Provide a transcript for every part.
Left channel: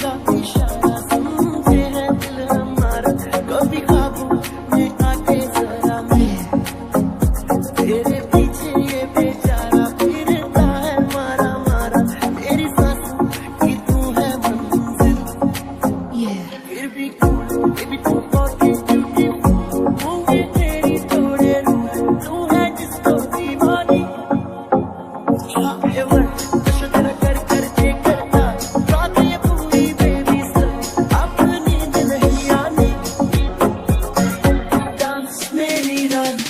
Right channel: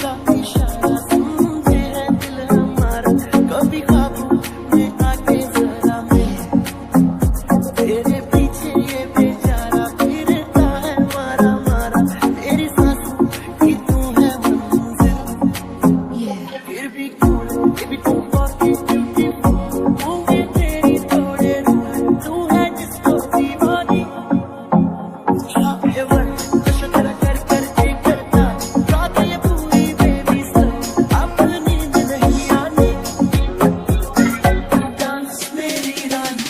का इशारा सुनते हैं दिल हमारा, कभी ख्वाबों में आके जरा मैं तेरे पीछे ये बेचारा फिरता है मारा मारा, मेरी सांसों की तू है मंजिल, फिर भी कूल भी तू बहुत ब्यूटीफुल, होंगे तेरी थोड़े रूल, तू है जिसको दीवानी नशा तेरा कर कर के करता रात ये पूरी बेबी सब, अब नींद नहीं आनी, डांस मेरी रानी,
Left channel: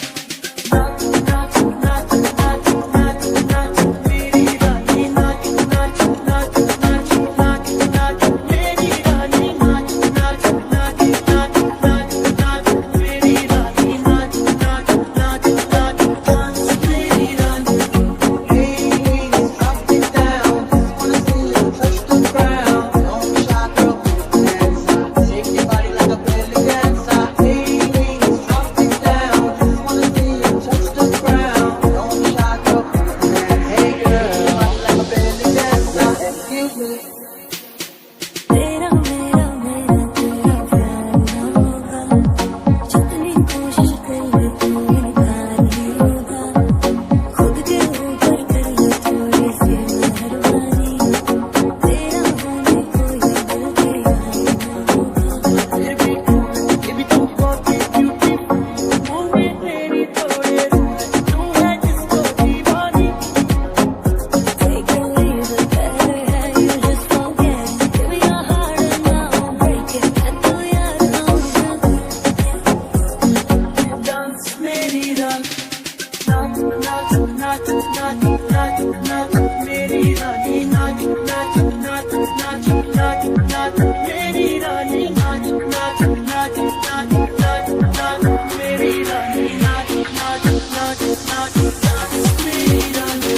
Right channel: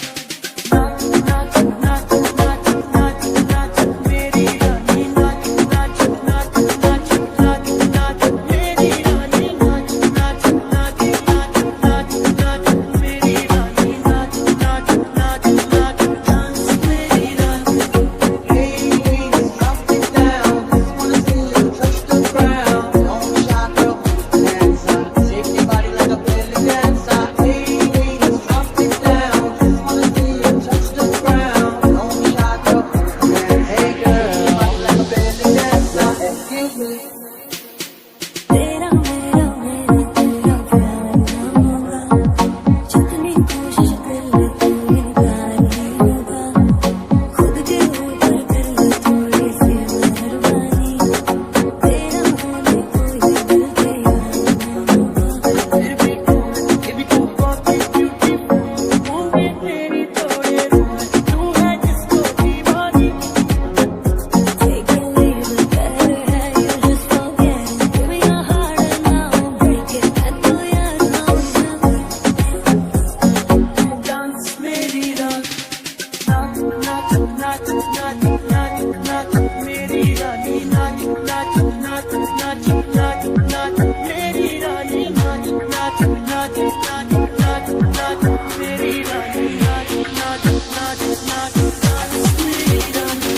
नाच नाच नाच नाच नाच नाच मेरी रानी, नाच नाच नाच नाच नाच नाच मेरी रानी, नाच नाच नाच नाच नाच नाच मेरी रानी, नाच नाच नाच नाच डांस मेरी रानी। तेरा मेरा मेरा तेरा प्यार ना होगा, जितनी कोशिश कर ले तू इनकार ही होगा, खुद के ऊपर कर ले थोड़ी सी मेहरबानी, तेरा होने को ये दिल तैयार ना होगा, फिर भी ये भी तू बहुत ब्यूटीफुल, होंगे तेरी थोड़े रूल, तू है जिसको दीवानी take it leave it better है you just forget it, give me your heart and I won't break it, मैं तो यार ना डांस मेरी रानी, नाच नाच नाच नाच नाच नाच मेरी रानी, नाच नाच नाच नाच नाच नाच मेरी रानी, नाच नाच नाच नाच नाच नाच मेरी रानी, नाच नाच नाच नाच नाच मेरी रानी।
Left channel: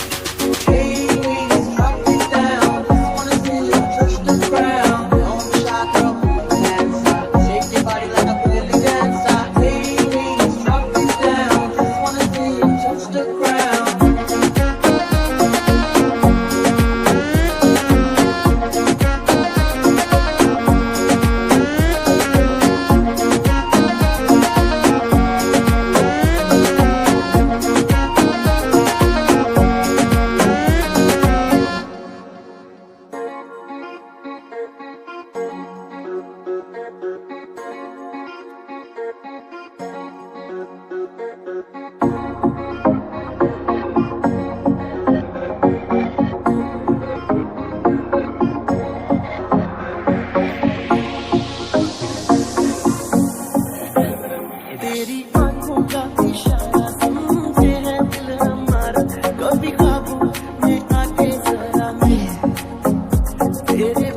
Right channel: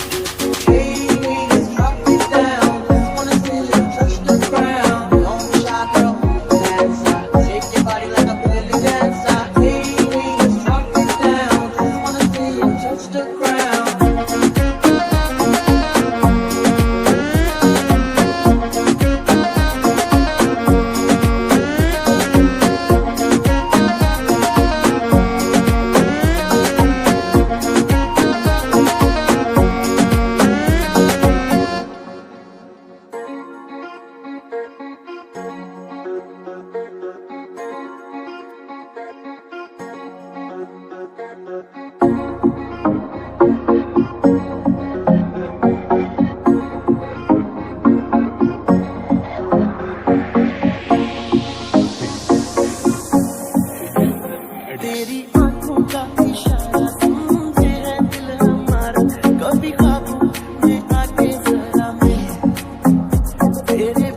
तेरी आंखों का इशारा सुनते हैं दिल हमारा, कभी ख्वाबों में आके जरा मैं तेरे